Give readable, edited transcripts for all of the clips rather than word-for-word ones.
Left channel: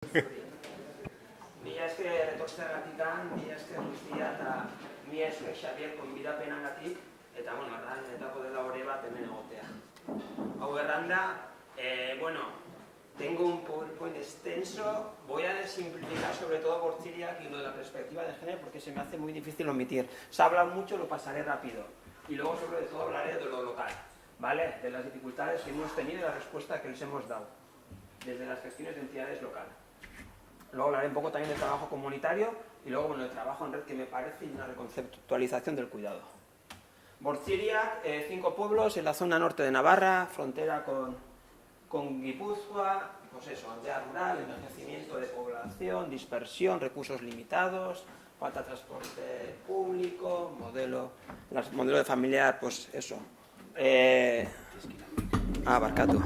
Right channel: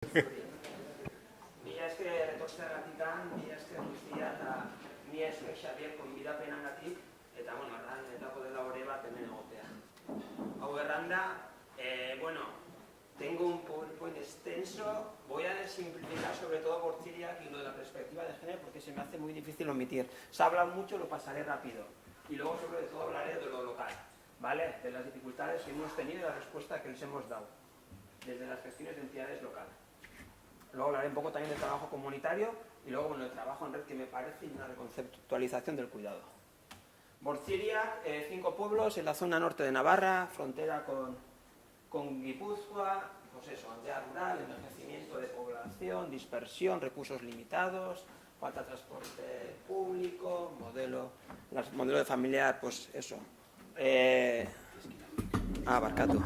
Mila esker etortzeagatik, mila esker guztia eta mila esker Xabier gonbidapenagatik eta arrainetako dela hori bat hemen egotea. Hau erranda, tengo un PowerPoint extenso, voy a simplificar sobre todo Bortziriak y lo de la perspectiva de género porque se me hace muy difícil omitir. Se ha hablado mucho, lo pasaré rápido. Y luego sobre todo hablaré de lo local, ¿vale? De las dificultades que hemos tenido y la respuesta que les hemos dado desde las gestiones de entidades locales. Luego hablaré un poco también del trabajo comunitario y luego el trabajo en red que me parece y una reconceptualización del cuidado. Bortziriak, 5 pueblos en la zona norte de Navarra, frontera con Guipúzcoa, pues eso, aldea rural, envejecimiento de población, dispersión, recursos limitados, falta de transporte público, modelo de familiar, pues eso. Barcato.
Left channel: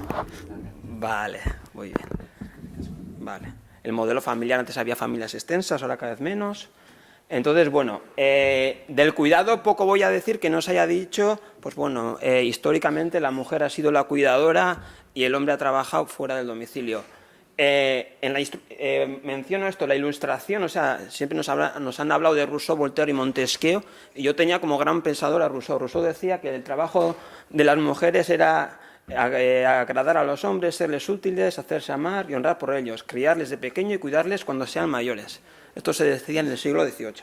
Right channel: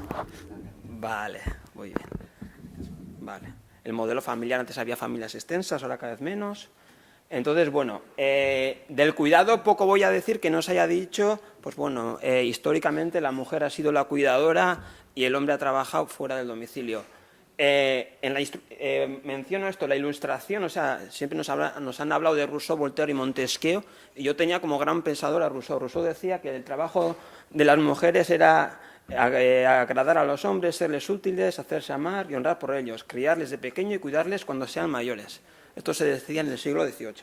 Vale, muy bien. Vale. El modelo familiar, antes había familias extensas, ahora cada vez menos. Entonces, del cuidado poco voy a decir que no se haya dicho, históricamente la mujer ha sido la cuidadora y el hombre ha trabajado fuera del domicilio. Menciono esto, la ilustración, o sea, siempre nos han hablado de Rousseau, Voltaire y Montesquieu, y yo tenía como gran pensador a Rousseau. Rousseau decía que el trabajo de las mujeres era agradar a los hombres, serles útiles, hacerse amar y honrar por ellos, criarles de pequeño y cuidarles cuando sean mayores. Esto se decía en el siglo XVIII.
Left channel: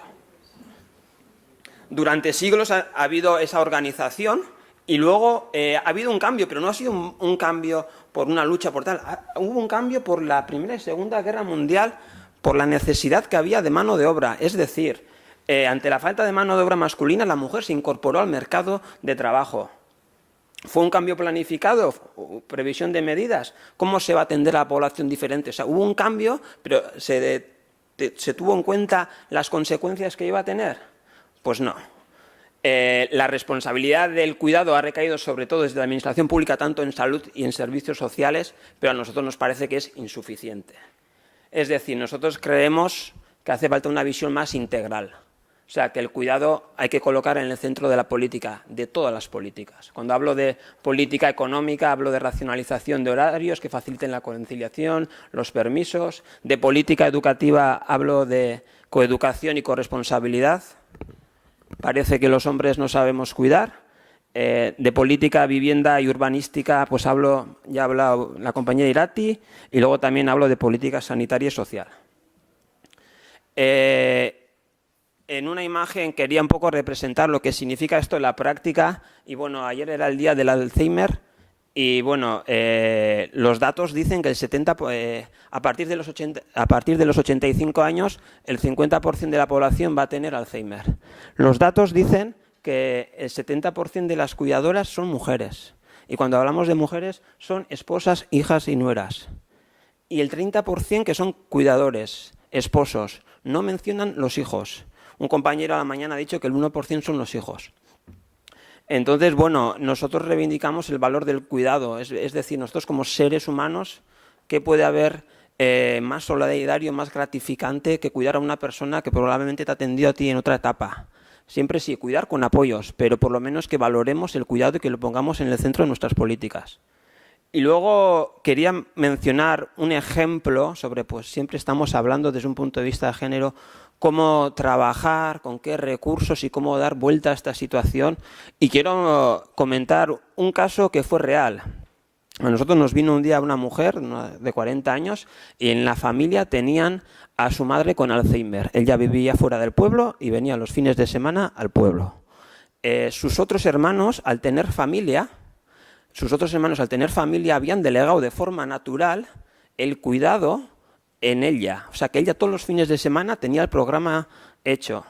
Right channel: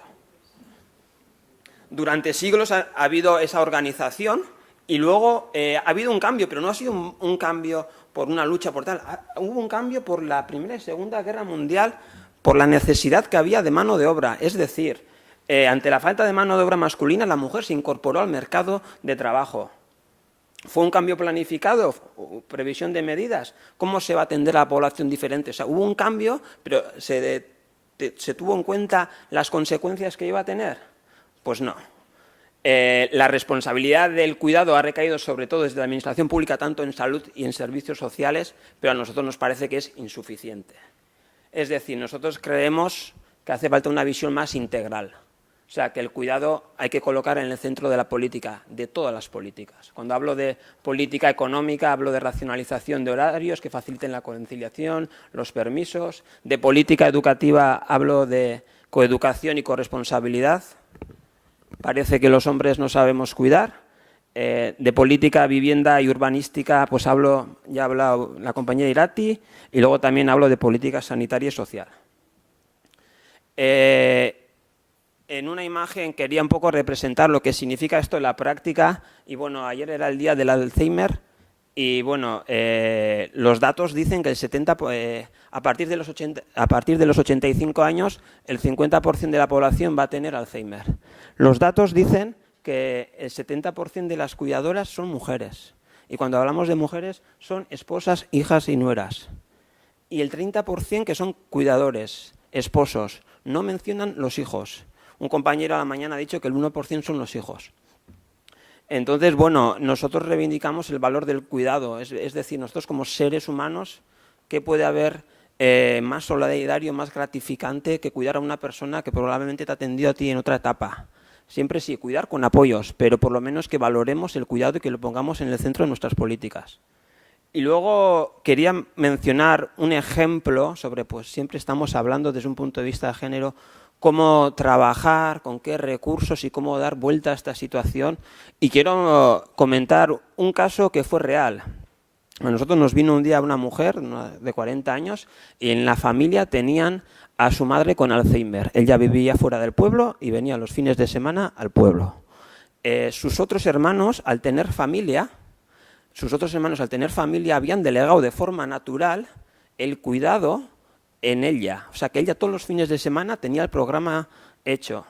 Durante siglos ha habido esa organización y luego ha habido un cambio, pero no ha sido un cambio por una lucha por tal. Hubo un cambio por la Primera y Segunda Guerra Mundial, por la necesidad que había de mano de obra. Es decir, ante la falta de mano de obra masculina, la mujer se incorporó al mercado de trabajo. ¿Fue un cambio planificado? ¿Previsión de medidas? ¿Cómo se va a atender a la población diferente? O sea, hubo un cambio, pero ¿se tuvo en cuenta las consecuencias que iba a tener? Pues no. La responsabilidad del cuidado ha recaído sobre todo desde la administración pública, tanto en salud y en servicios sociales, pero a nosotros nos parece que es insuficiente. Es decir, nosotros creemos que hace falta una visión más integral. O sea, que el cuidado hay que colocar en el centro de la política, de todas las políticas. Cuando hablo de política económica, hablo de racionalización de horarios que faciliten la conciliación, los permisos. De política educativa hablo de coeducación y corresponsabilidad. Parece que los hombres no sabemos cuidar. De política, vivienda y urbanística, pues ya ha hablado la compañera Irati, y luego también hablo de política sanitaria y social. En una imagen quería un poco representar lo que significa esto en la práctica. Y ayer era el día del Alzheimer y los datos dicen que a partir de los 85 años el 50% de la población va a tener Alzheimer. Los datos dicen que el 70% de las cuidadoras son mujeres. Y cuando hablamos de mujeres son esposas, hijas y nueras. Y el 30% que son cuidadores, esposos. No mencionan los hijos. Un compañero a la mañana ha dicho que el 1% son los hijos. Entonces, nosotros reivindicamos el valor del cuidado. Es decir, nosotros como seres humanos, ¿qué puede haber más solidario, más gratificante que cuidar a una persona que probablemente te ha atendido a ti en otra etapa? Siempre sí, cuidar con apoyos, pero por lo menos que valoremos el cuidado y que lo pongamos en el centro de nuestras políticas. Y luego quería mencionar un ejemplo sobre, siempre estamos hablando desde un punto de vista de género, cómo trabajar, con qué recursos y cómo dar vuelta a esta situación. Y quiero comentar un caso que fue real. A nosotros nos vino un día una mujer de 40 años y en la familia tenían a su madre con Alzheimer. Ella vivía fuera del pueblo y venía los fines de semana al pueblo. Sus otros hermanos, al tener familia, habían delegado de forma natural el cuidado en ella. O sea, que ella todos los fines de semana tenía el programa hecho.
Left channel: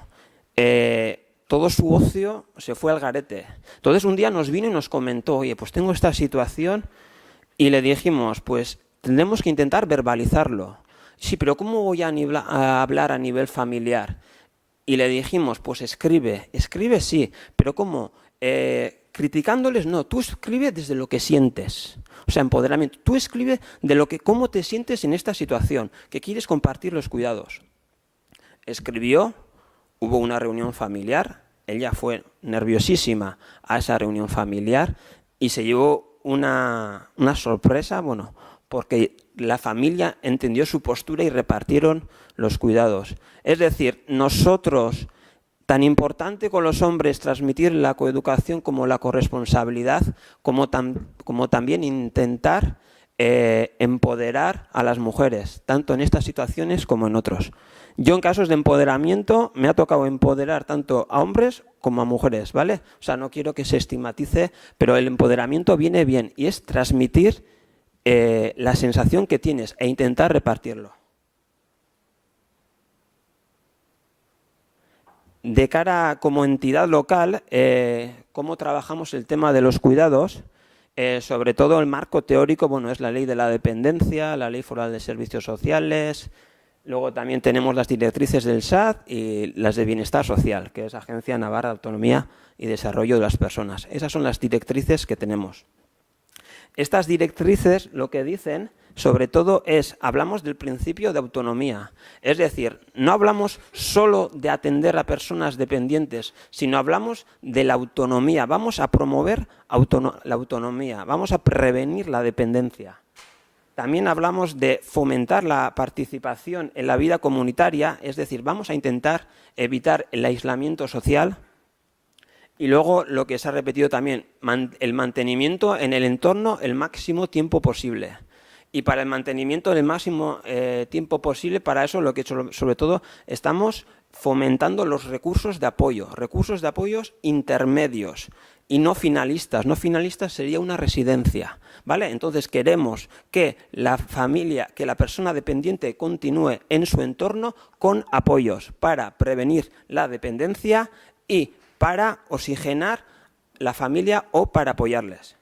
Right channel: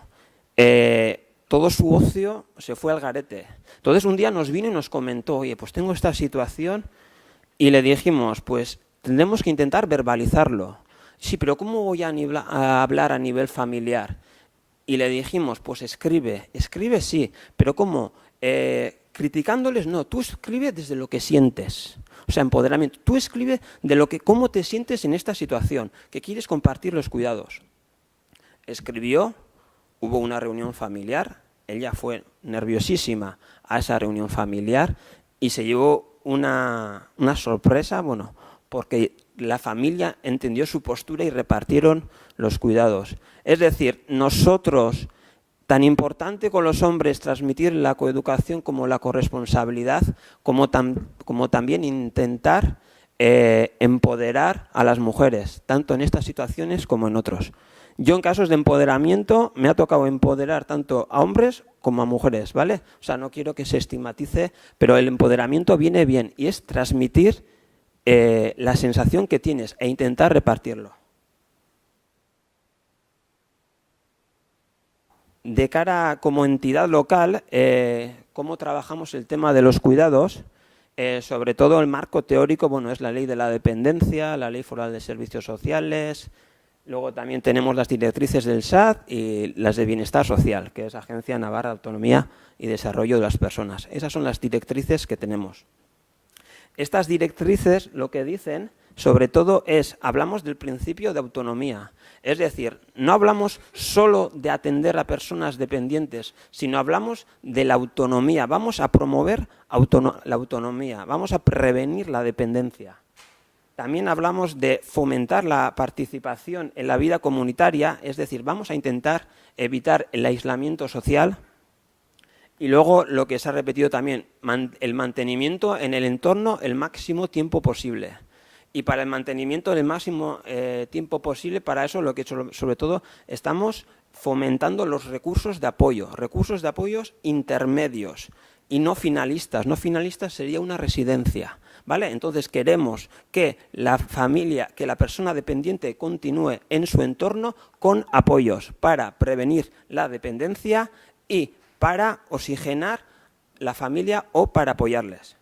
Todo su ocio se fue al garete. Entonces un día nos vino y nos comentó, oye, pues tengo esta situación, y le dijimos, pues tendremos que intentar verbalizarlo. Sí, pero ¿cómo voy a hablar a nivel familiar? Y le dijimos, pues escribe sí, pero ¿cómo? Criticándoles, no, tú escribe desde lo que sientes. O sea, empoderamiento. Tú escribe de cómo te sientes en esta situación, que quieres compartir los cuidados. Escribió, hubo una reunión familiar, ella fue nerviosísima a esa reunión familiar y se llevó una sorpresa, porque la familia entendió su postura y repartieron los cuidados. Es decir, nosotros, tan importante con los hombres transmitir la coeducación como la corresponsabilidad, como también intentar empoderar a las mujeres, tanto en estas situaciones como en otros. Yo en casos de empoderamiento me ha tocado empoderar tanto a hombres como a mujeres, ¿vale? O sea, no quiero que se estigmatice, pero el empoderamiento viene bien y es transmitir la sensación que tienes e intentar repartirlo. De cara como entidad local, cómo trabajamos el tema de los cuidados, sobre todo el marco teórico, bueno, es la ley de la dependencia, la ley foral de servicios sociales, luego también tenemos las directrices del SAT y las de Bienestar Social, que es Agencia Navarra de Autonomía y Desarrollo de las Personas. Esas son las directrices que tenemos. Estas directrices lo que dicen, sobre todo, hablamos del principio de autonomía. Es decir, no hablamos solo de atender a personas dependientes, sino hablamos de la autonomía. Vamos a promover la autonomía, vamos a prevenir la dependencia. También hablamos de fomentar la participación en la vida comunitaria, es decir, vamos a intentar evitar el aislamiento social. Y luego, lo que se ha repetido también, el mantenimiento en el entorno el máximo tiempo posible. Y para el mantenimiento del máximo tiempo posible, para eso lo que sobre todo estamos fomentando los recursos de apoyos intermedios y no finalistas. No finalistas sería una residencia, ¿vale? Entonces queremos que la familia, que la persona dependiente continúe en su entorno con apoyos para prevenir la dependencia y para oxigenar la familia o para apoyarles.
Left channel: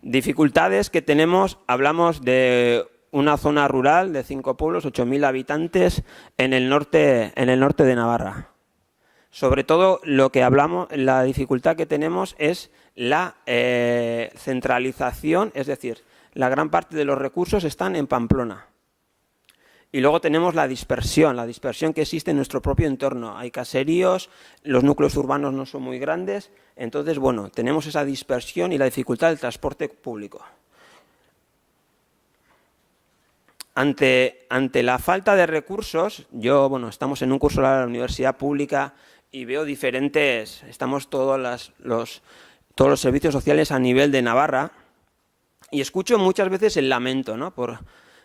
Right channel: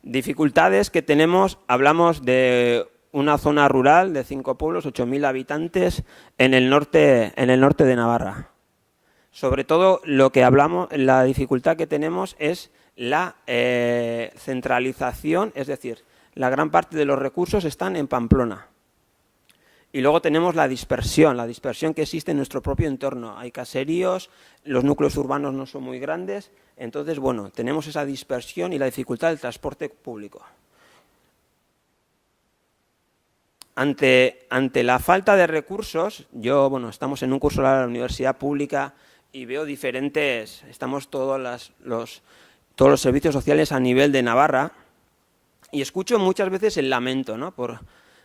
Dificultades que tenemos, hablamos de una zona rural de 5 pueblos, 8.000 habitantes en el norte de Navarra. Sobre todo lo que hablamos, la dificultad que tenemos es la centralización, es decir, la gran parte de los recursos están en Pamplona. Y luego tenemos la dispersión que existe en nuestro propio entorno. Hay caseríos, los núcleos urbanos no son muy grandes, entonces, bueno, tenemos esa dispersión y la dificultad del transporte público. Ante la falta de recursos, estamos en un curso de la universidad pública y veo estamos todos los servicios sociales a nivel de Navarra y escucho muchas veces el lamento, ¿no?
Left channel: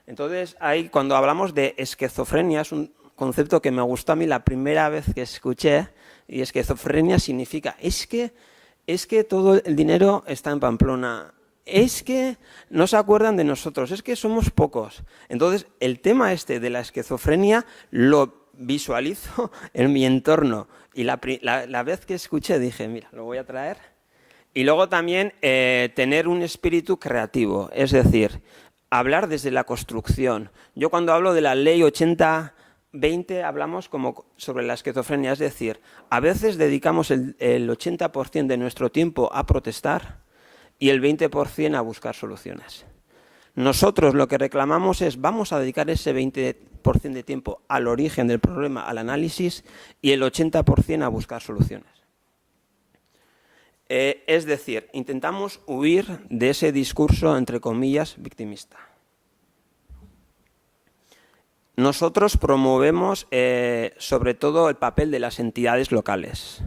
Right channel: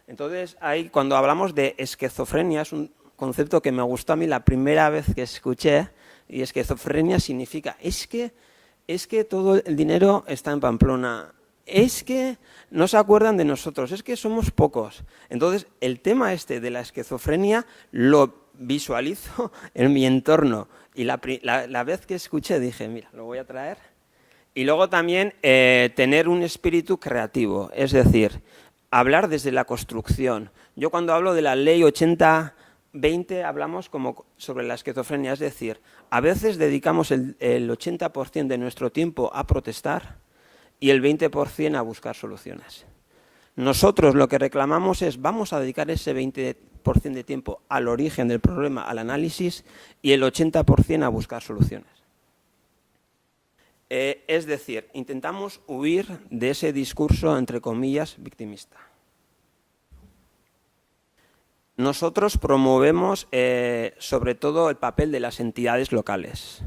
Entonces, cuando hablamos de esquizofrenia, es un concepto que me gustó a mí la primera vez que escuché, y esquizofrenia significa, es que todo el dinero está en Pamplona, es que no se acuerdan de nosotros, es que somos pocos. Entonces, el tema de la esquizofrenia lo visualizo en mi entorno, y la vez que escuché dije, mira, lo voy a traer. Y luego también tener un espíritu creativo, es decir, hablar desde la construcción. Yo cuando hablo de la ley 80-20 hablamos como sobre la esquizofrenia, es decir, a veces dedicamos el 80% de nuestro tiempo a protestar y el 20% a buscar soluciones. Nosotros lo que reclamamos vamos a dedicar ese 20% de tiempo al origen del problema, al análisis, y el 80% a buscar soluciones. Es decir, intentamos huir de ese discurso, entre comillas, victimista. Nosotros promovemos sobre todo el papel de las entidades locales.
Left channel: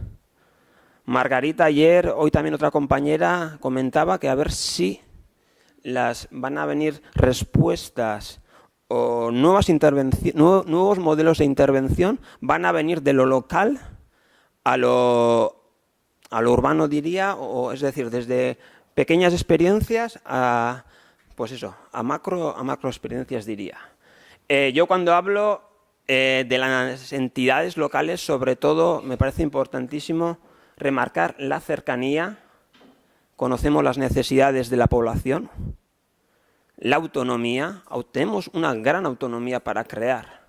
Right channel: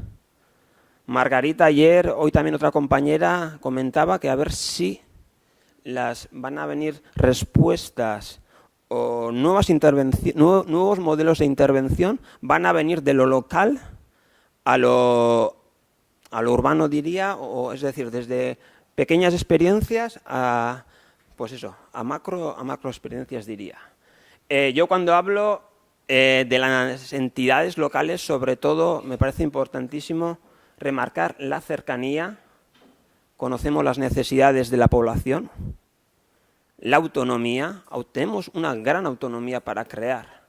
Margarita ayer, hoy también otra compañera, comentaba que a ver si van a venir respuestas o nuevos modelos de intervención, van a venir de lo local a lo urbano, diría, es decir, desde pequeñas experiencias a macro experiencias, diría. Yo cuando hablo de las entidades locales, sobre todo, me parece importantísimo remarcar la cercanía. Conocemos las necesidades de la población, la autonomía, tenemos una gran autonomía para crear.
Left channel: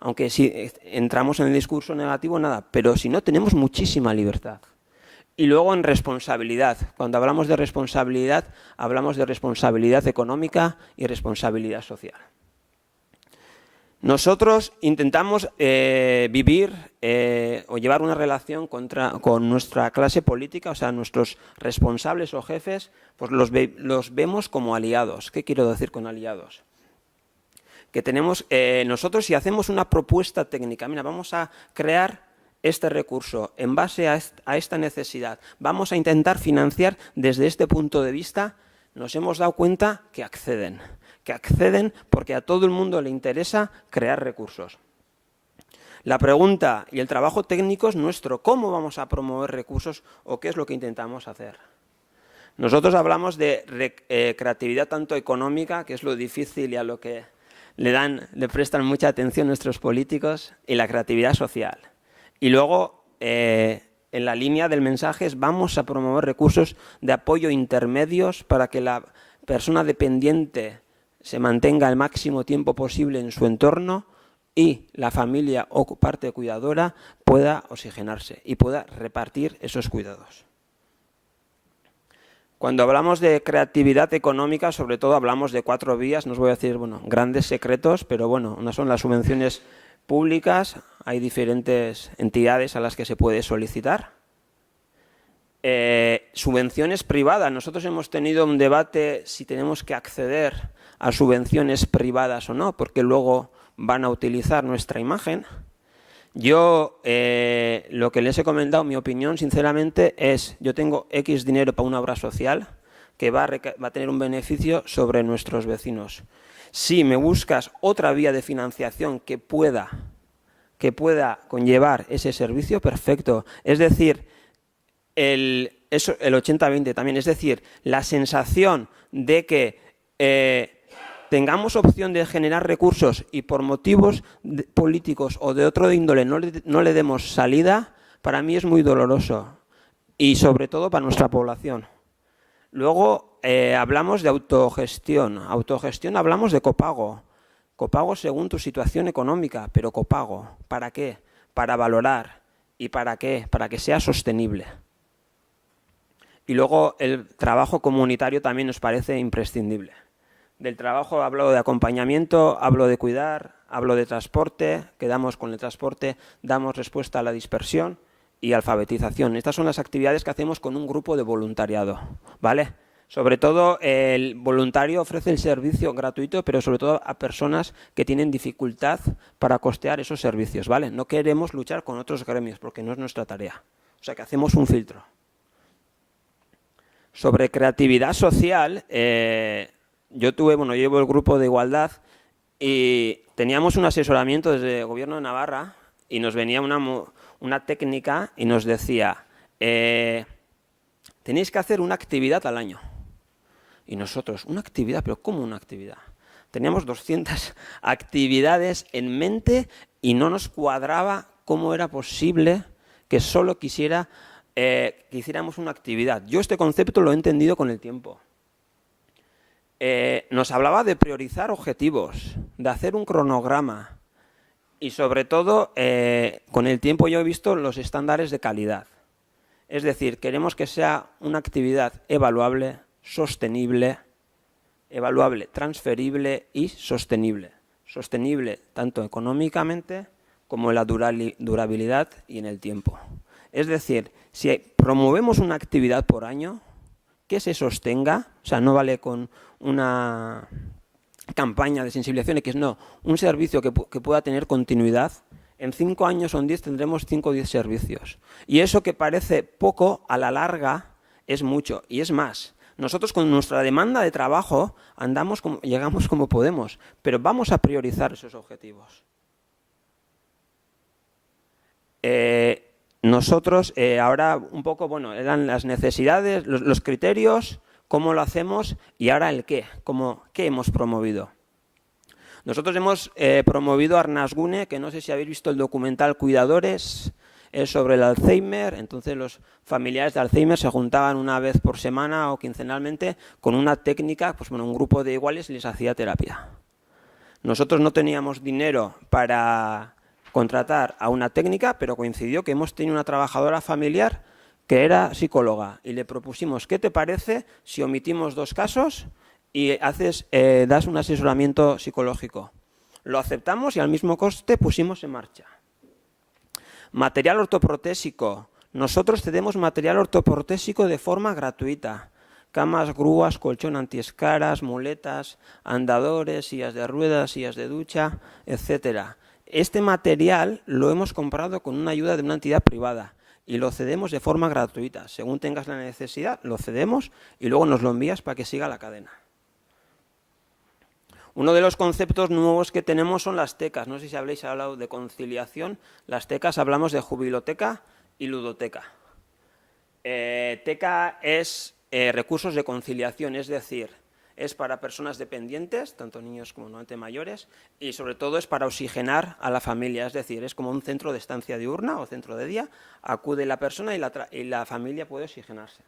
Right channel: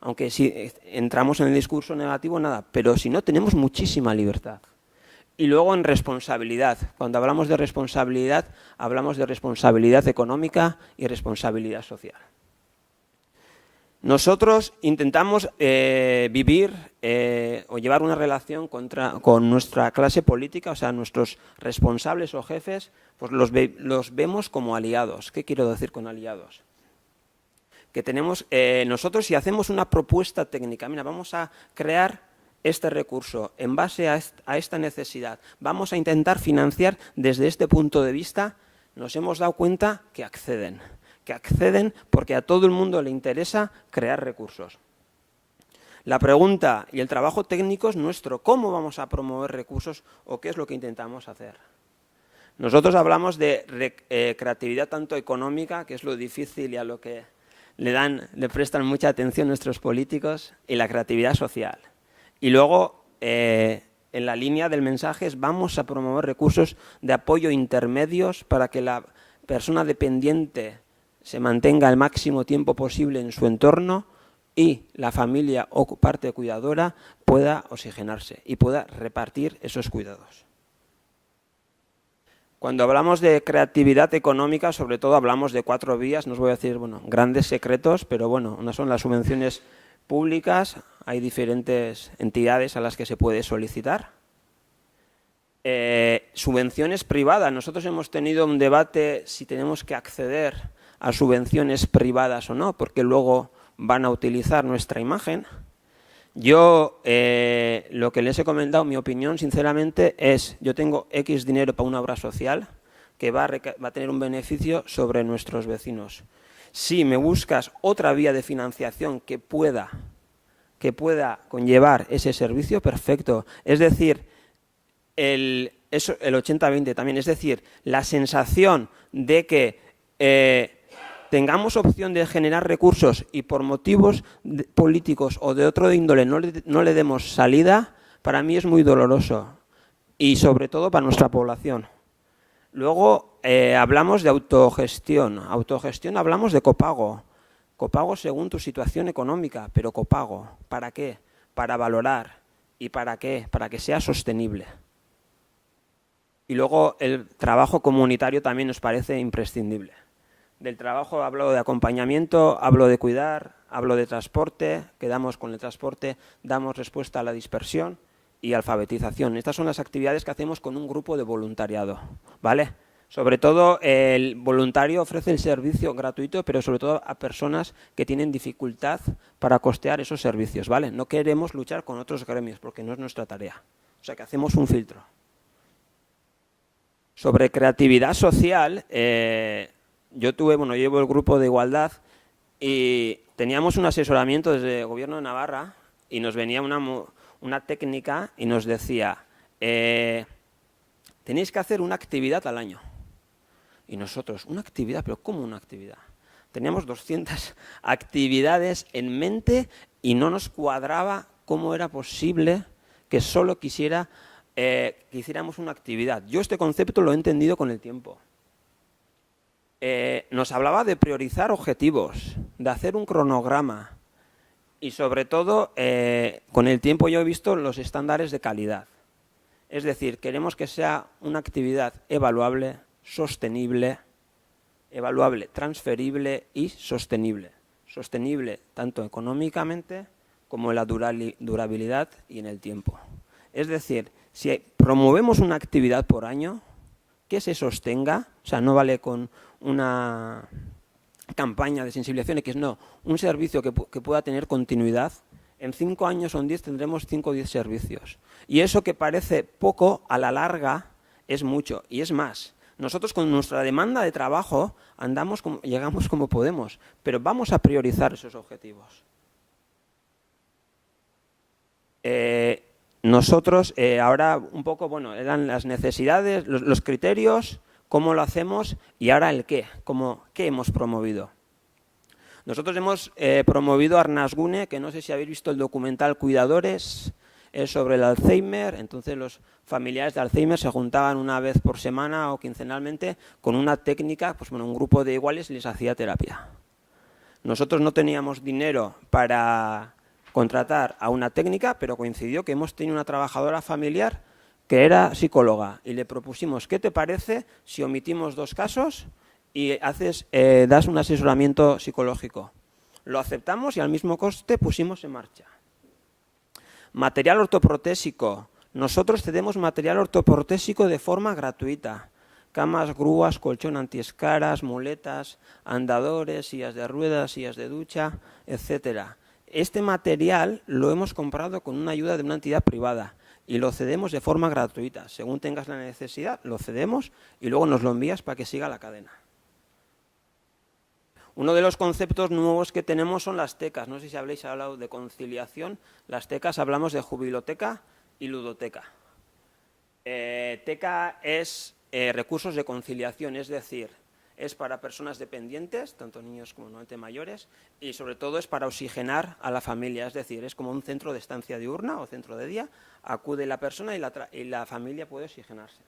Aunque si entramos en el discurso negativo, nada, pero si no, tenemos muchísima libertad. Y luego en responsabilidad. Cuando hablamos de responsabilidad económica y responsabilidad social. Nosotros intentamos vivir o llevar una relación con nuestra clase política, o sea, nuestros responsables o jefes, pues los vemos como aliados. ¿Qué quiero decir con aliados? Que tenemos, nosotros si hacemos una propuesta técnica, mira, vamos a crear este recurso en base a esta necesidad, vamos a intentar financiar desde este punto de vista, nos hemos dado cuenta que acceden porque a todo el mundo le interesa crear recursos. La pregunta y el trabajo técnico es nuestro, ¿cómo vamos a promover recursos o qué es lo que intentamos hacer? Nosotros hablamos de creatividad tanto económica, que es lo difícil y a lo que le prestan mucha atención nuestros políticos, y la creatividad social. Y luego, en la línea del mensaje es vamos a promover recursos de apoyo intermedios para que la persona dependiente se mantenga el máximo tiempo posible en su entorno y la familia o parte cuidadora pueda oxigenarse y pueda repartir esos cuidados. Cuando hablamos de creatividad económica, sobre todo hablamos de 4 vías, no os voy a decir grandes secretos, pero una son las subvenciones públicas, hay diferentes entidades a las que se puede solicitar. Subvenciones privadas, nosotros hemos tenido un debate si tenemos que acceder a subvenciones privadas o no, porque luego van a utilizar nuestra imagen. Yo lo que les he comentado, mi opinión sinceramente es, yo tengo X dinero para una obra social que va a tener un beneficio sobre nuestros vecinos. Si me buscas otra vía de financiación que pueda conllevar ese servicio, perfecto. Es decir, el 80-20 también, es decir, la sensación de que tengamos opción de generar recursos y por motivos políticos o de otro índole no le demos salida, para mí es muy doloroso y sobre todo para nuestra población. Luego hablamos de autogestión. Autogestión hablamos de copago. Copago según tu situación económica, pero copago. ¿Para qué? Para valorar. ¿Y para qué? Para que sea sostenible. Y luego el trabajo comunitario también nos parece imprescindible. Del trabajo hablo de acompañamiento, hablo de cuidar, hablo de transporte, quedamos con el transporte, damos respuesta a la dispersión y alfabetización. Estas son las actividades que hacemos con un grupo de voluntariado, ¿vale? Sobre todo el voluntario ofrece el servicio gratuito, pero sobre todo a personas que tienen dificultad para costear esos servicios, ¿vale? No queremos luchar con otros gremios porque no es nuestra tarea. O sea que hacemos un filtro. Sobre creatividad social, llevo el grupo de igualdad y teníamos un asesoramiento desde el Gobierno de Navarra y nos venía una técnica y nos decía, tenéis que hacer una actividad al año. Y nosotros, ¿una actividad? ¿Pero cómo una actividad? Teníamos 200 actividades en mente y no nos cuadraba cómo era posible que solo que hiciéramos una actividad. Yo este concepto lo he entendido con el tiempo. Nos hablaba de priorizar objetivos, de hacer un cronograma y sobre todo con el tiempo yo he visto los estándares de calidad. Es decir, queremos que sea una actividad evaluable, sostenible, transferible y sostenible. Sostenible tanto económicamente como en la durabilidad y en el tiempo. Es decir, si promovemos una actividad por año que se sostenga, o sea, no vale con una campaña de sensibilización X, no, un servicio que pueda tener continuidad. En 5 años o en 10 tendremos 5 o 10 servicios. Y eso que parece poco, a la larga es mucho. Y es más, nosotros con nuestra demanda de trabajo llegamos como podemos, pero vamos a priorizar esos objetivos. Nosotros ahora un poco, eran las necesidades, los criterios, cómo lo hacemos y ahora el qué, qué hemos promovido. Nosotros hemos promovido Arnasgune, que no sé si habéis visto el documental Cuidadores, es sobre el Alzheimer. Entonces los familiares de Alzheimer se juntaban una vez por semana o quincenalmente con una técnica, un grupo de iguales y les hacía terapia. Nosotros no teníamos dinero para contratar a una técnica, pero coincidió que hemos tenido una trabajadora familiar que era psicóloga y le propusimos, ¿qué te parece si omitimos 2 casos y das un asesoramiento psicológico? Lo aceptamos y al mismo coste pusimos en marcha. Material ortoprotésico. Nosotros cedemos material ortoprotésico de forma gratuita. Camas, grúas, colchón antiescaras, muletas, andadores, sillas de ruedas, sillas de ducha, etcétera. Este material lo hemos comprado con una ayuda de una entidad privada y lo cedemos de forma gratuita. Según tengas la necesidad, lo cedemos y luego nos lo envías para que siga la cadena. Uno de los conceptos nuevos que tenemos son las tecas. No sé si habréis hablado de conciliación. Las tecas hablamos de jubiloteca y ludoteca. Teca es recursos de conciliación, es decir, es para personas dependientes, tanto niños como normalmente mayores, y sobre todo es para oxigenar a la familia, es decir, es como un centro de estancia diurna o centro de día, acude la persona y la familia puede oxigenarse.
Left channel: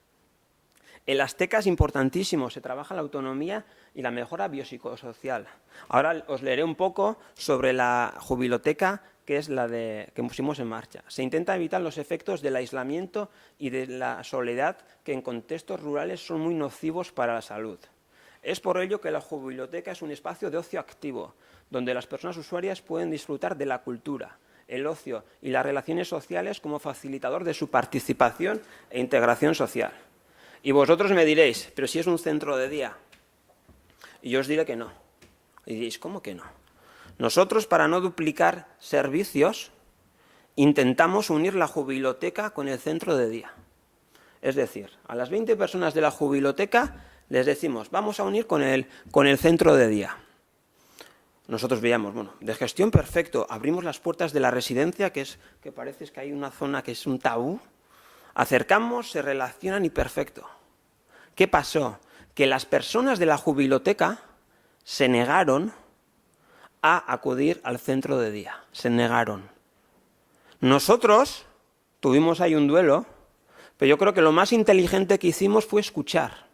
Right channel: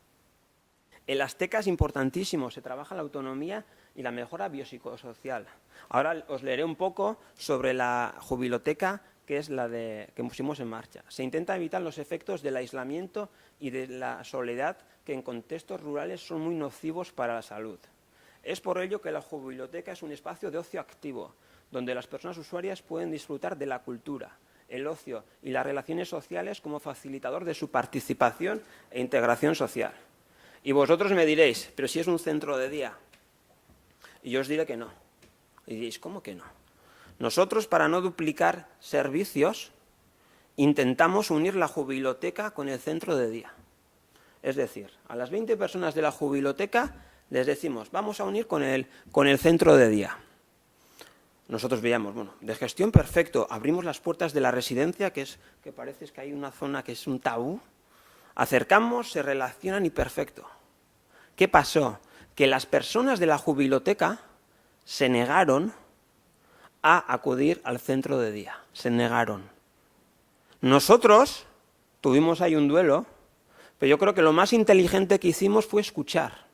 En las tecas, importantísimo, se trabaja la autonomía y la mejora biopsicosocial. Ahora os leeré un poco sobre la jubiloteca, que es la que pusimos en marcha. Se intenta evitar los efectos del aislamiento y de la soledad que en contextos rurales son muy nocivos para la salud. Es por ello que la jubiloteca es un espacio de ocio activo, donde las personas usuarias pueden disfrutar de la cultura, el ocio y las relaciones sociales como facilitador de su participación e integración social. Y vosotros me diréis, pero si es un centro de día. Y yo os diré que no. Y diréis, ¿cómo que no? Nosotros, para no duplicar servicios, intentamos unir la jubiloteca con el centro de día. Es decir, a las 20 personas de la jubiloteca les decimos, vamos a unir con el centro de día. Nosotros veíamos, bueno, de gestión perfecto, abrimos las puertas de la residencia, que parece que hay una zona que es un tabú, acercamos, se relacionan y perfecto. ¿Qué pasó? Que las personas de la jubiloteca se negaron a acudir al centro de día, se negaron. Nosotros tuvimos ahí un duelo, pero yo creo que lo más inteligente que hicimos fue escuchar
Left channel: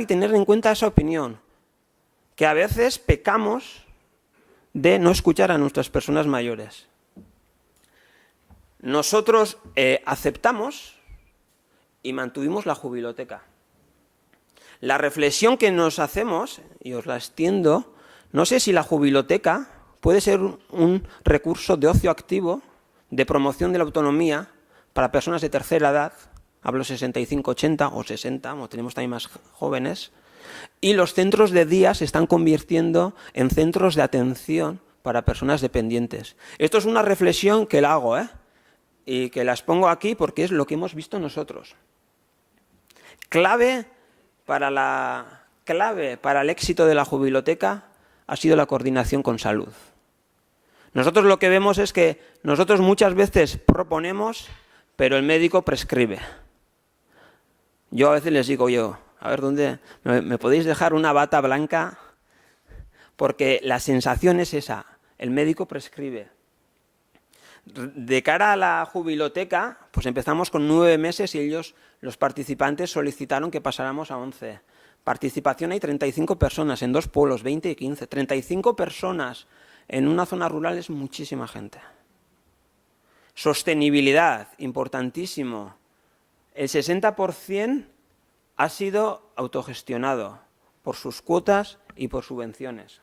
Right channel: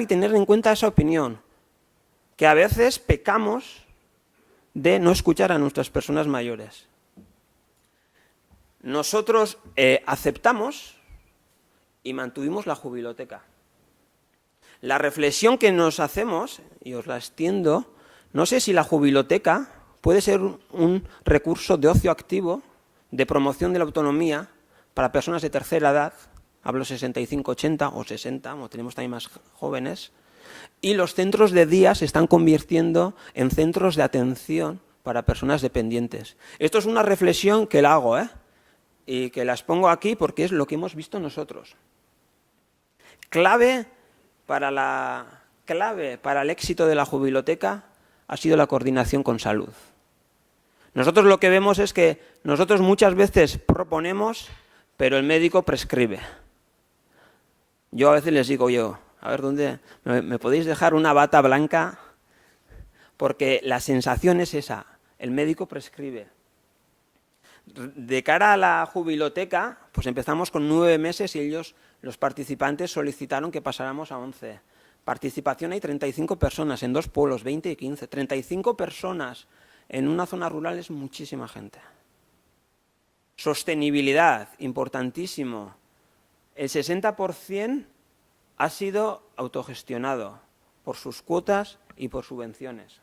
y tener en cuenta esa opinión, que a veces pecamos de no escuchar a nuestras personas mayores. Nosotros aceptamos y mantuvimos la jubiloteca. La reflexión que nos hacemos, y os la extiendo, no sé si la jubiloteca puede ser un recurso de ocio activo, de promoción de la autonomía para personas de tercera edad, hablo 65-80 o 60, o tenemos también más jóvenes, y los centros de día se están convirtiendo en centros de atención para personas dependientes. Esto es una reflexión que la hago, y que las pongo aquí porque es lo que hemos visto nosotros. Clave para el éxito de la jubiloteca ha sido la coordinación con salud. Nosotros lo que vemos es que nosotros muchas veces proponemos, pero el médico prescribe. Yo a veces les digo a ver, ¿dónde me podéis dejar una bata blanca? Porque la sensación es esa, el médico prescribe. De cara a la jubiloteca, pues empezamos con 9 meses y los participantes, solicitaron que pasáramos a 11. Participación hay 35 personas en 2 pueblos, 20 y 15. 35 personas en una zona rural es muchísima gente. Sostenibilidad, importantísimo. El 60% ha sido autogestionado por sus cuotas y por subvenciones.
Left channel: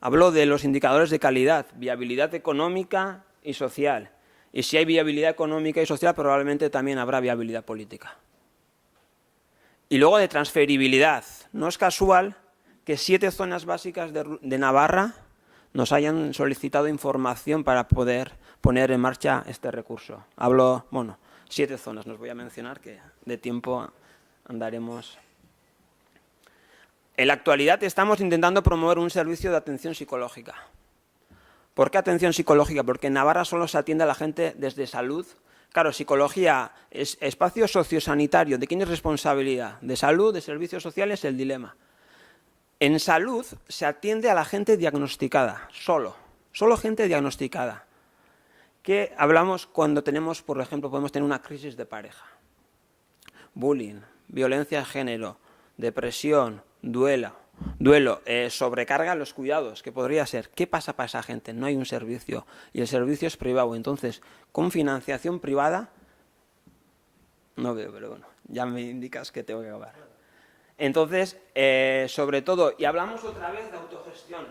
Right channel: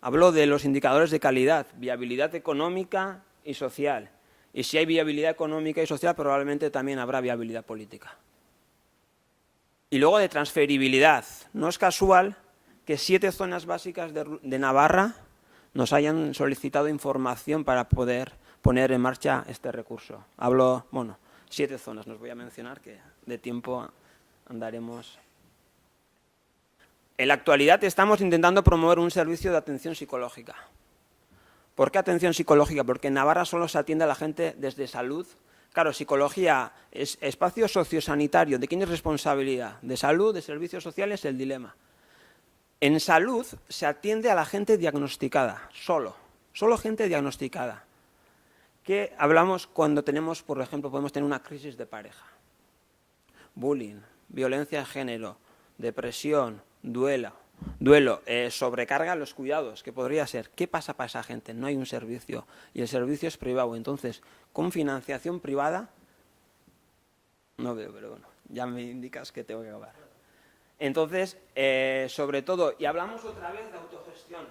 Hablo de los indicadores de calidad, viabilidad económica y social. Y si hay viabilidad económica y social, probablemente también habrá viabilidad política. Y luego de transferibilidad. No es casual que 7 zonas básicas de Navarra nos hayan solicitado información para poder poner en marcha este recurso. Hablo, 7 zonas, nos voy a mencionar, que de tiempo andaremos. En la actualidad estamos intentando promover un servicio de atención psicológica. ¿Por qué atención psicológica? Porque en Navarra solo se atiende a la gente desde salud. Claro, psicología es espacio sociosanitario. ¿De quién es responsabilidad? ¿De salud, de servicios sociales? El dilema. En salud se atiende a la gente diagnosticada, solo gente diagnosticada. ¿Qué hablamos cuando tenemos, por ejemplo, podemos tener una crisis de pareja? Bullying, violencia de género, depresión, duelo, sobrecarga a los cuidados, que podría ser. ¿Qué pasa para esa gente? No hay un servicio y el servicio es privado. Entonces, con financiación privada, no veo, pero bueno, ya me indicas que tengo que acabar. Entonces, sobre todo, y hablamos otra vez de autogestión.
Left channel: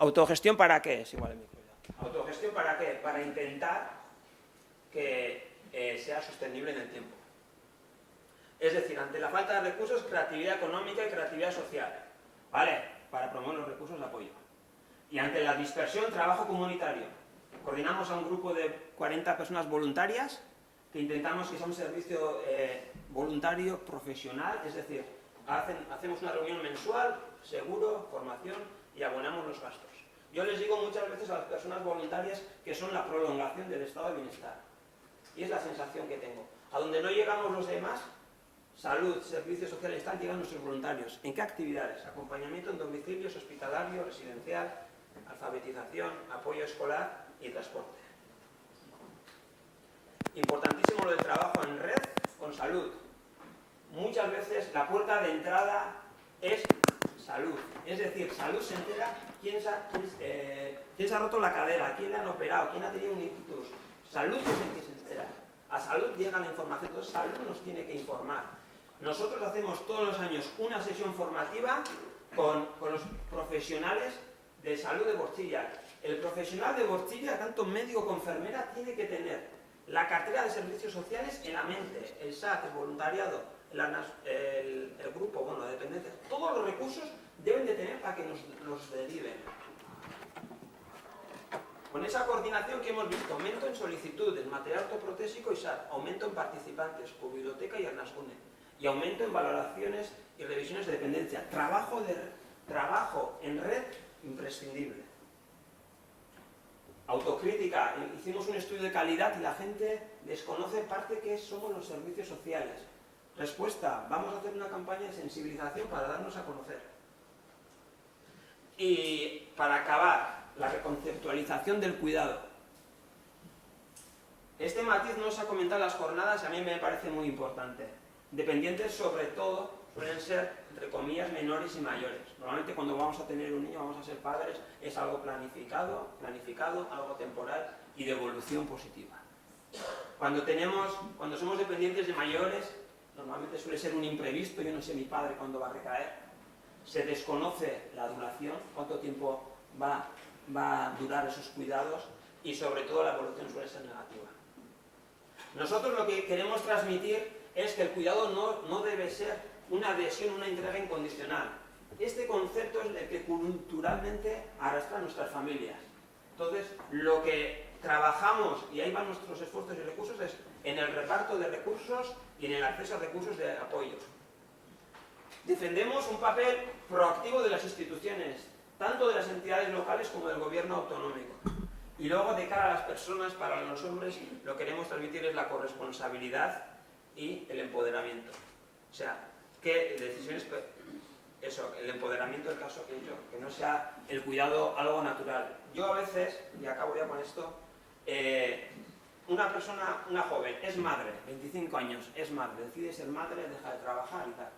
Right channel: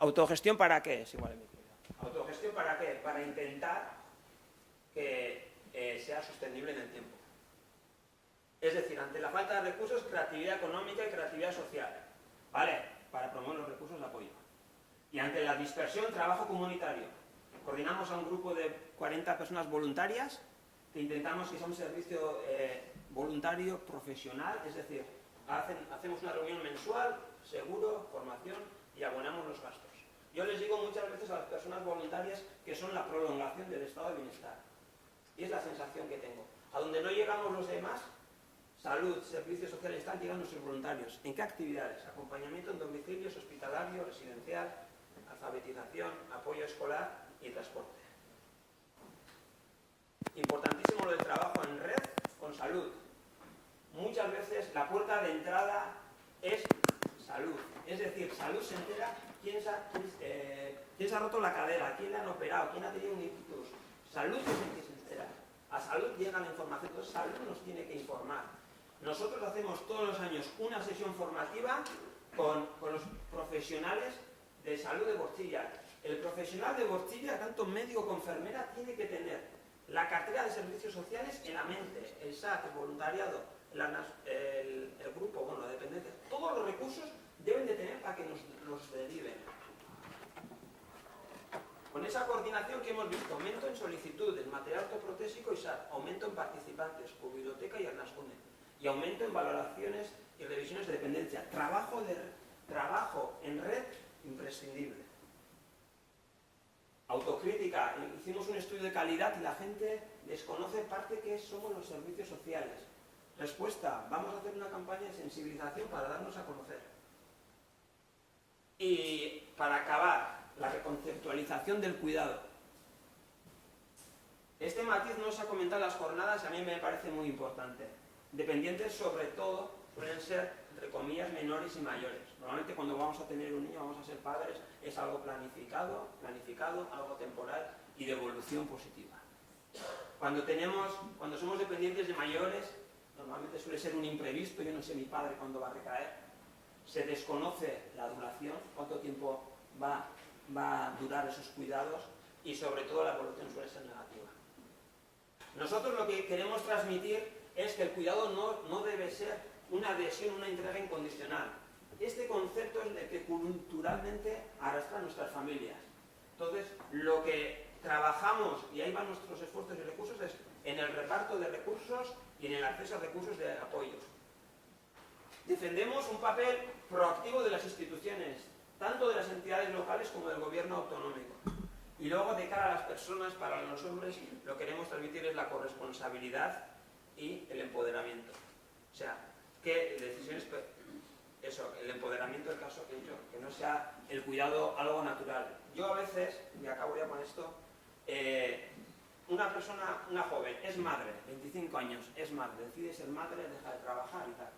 ¿Autogestión para qué? Es igual el micro. ¿Autogestión para qué? Para intentar que sea sostenible en el tiempo. Es decir, ante la falta de recursos, creatividad económica y creatividad social. ¿Vale? Para promover los recursos de apoyo. Y ante la dispersión, trabajo comunitario. Coordinamos a un grupo de 40 personas voluntarias que intentamos que sea un servicio voluntario profesional, es decir, hacemos una reunión mensual, seguro, formación y abonamos los gastos. Yo les digo muchas veces a las personas voluntarias que son la prolongación del estado de bienestar. Y es la sensación que tengo. A donde no llegamos los demás, salud, servicios sociales, están llegando nuestros voluntarios. ¿En qué actividades? Acompañamiento en domicilios, hospitalario, residencial, alfabetización, apoyo escolar y transporte. Importantísimo lo del trabajo en red con salud. Muchas veces la puerta de entrada es salud. Es decir, salud se entera quién se ha roto la cadera, quién le han operado, quién ha tenido un ictus. Salud es el que se entera. A salud llega la información, entonces salud nos tiene que informar. Nosotros hacemos todos los años una sesión formativa con los profesionales de salud de Borchilla. El profesional de Borchilla, tanto médico como enfermera, tiene que tener la cartera de servicios sociales en la mente, el SAT, el voluntariado, el grupo, bueno, la dependencia. Todos los recursos deben de tener para que nos deriven. Con esa coordinación que hemos visto, aumento en solicitudes, material ortoprotésico y SAT, aumento en participantes, por biblioteca y Arnascune, y aumento en valoraciones y revisiones de dependencia. Trabajo en red imprescindible. Autocrítica. Hicimos un estudio de calidad y la gente desconoce parte que somos los servicios sociales. Respuesta. Vamos a hacer una campaña de sensibilización para darnos a conocer. Y para acabar, la reconceptualización del cuidado. Este matiz no se ha comentado en las jornadas y a mí me parece muy importante. Dependientes, sobre todo, suelen ser, entre comillas, menores y mayores. Normalmente cuando vamos a tener un niño, vamos a ser padres, es algo planificado, algo temporal y de evolución positiva. Cuando somos dependientes de mayores, normalmente suele ser un imprevisto, yo no sé mi padre cuándo va a recaer, se desconoce la duración, cuánto tiempo va a durar esos cuidados y sobre todo la evolución suele ser negativa. Nosotros lo que queremos transmitir es que el cuidado no debe ser una adhesión, una entrega incondicional. Este concepto es el que culturalmente arrastra a nuestras familias. Entonces, lo que trabajamos, y ahí van nuestros esfuerzos y recursos, es en el reparto de recursos y en el acceso a recursos de apoyo. Defendemos un papel proactivo de las instituciones, tanto de las entidades locales como del gobierno autonómico. Y luego, de cara a las personas, para los hombres, lo que queremos transmitir es la corresponsabilidad y el empoderamiento. O sea, que decisiones, eso, el empoderamiento del caso que no sea el cuidado algo natural. Yo a veces, y acabo ya con esto, una persona, una joven, es madre, 25 años, es madre, decide ser madre, deja de trabajar y tal.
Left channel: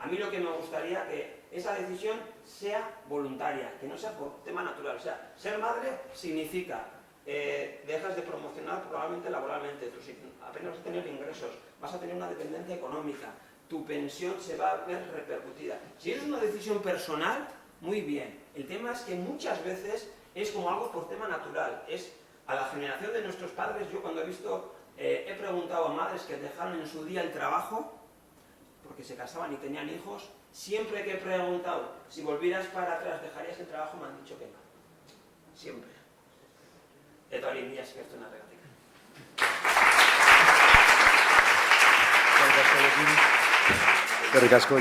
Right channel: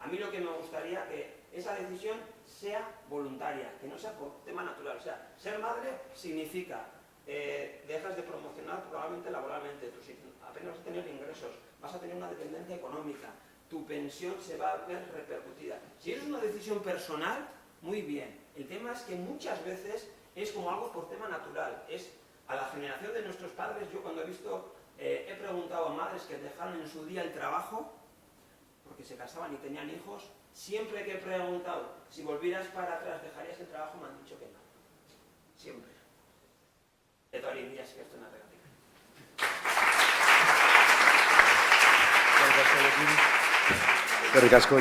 A mí lo que me gustaría que esa decisión sea voluntaria, que no sea por tema natural. O sea, ser madre significa dejas de promocionar probablemente laboralmente, apenas vas a tener ingresos, vas a tener una dependencia económica, tu pensión se va a ver repercutida. Si es una decisión personal, muy bien. El tema es que muchas veces es como algo por tema natural. Es a la generación de nuestros padres. Yo cuando he preguntado a madres que dejaron en su día el trabajo, porque se casaban y tenían hijos, siempre que he preguntado si volvieras para atrás, ¿dejarías el trabajo? Me han dicho que no. Siempre. De todas las días que esto es una práctica. Eskerrik asko.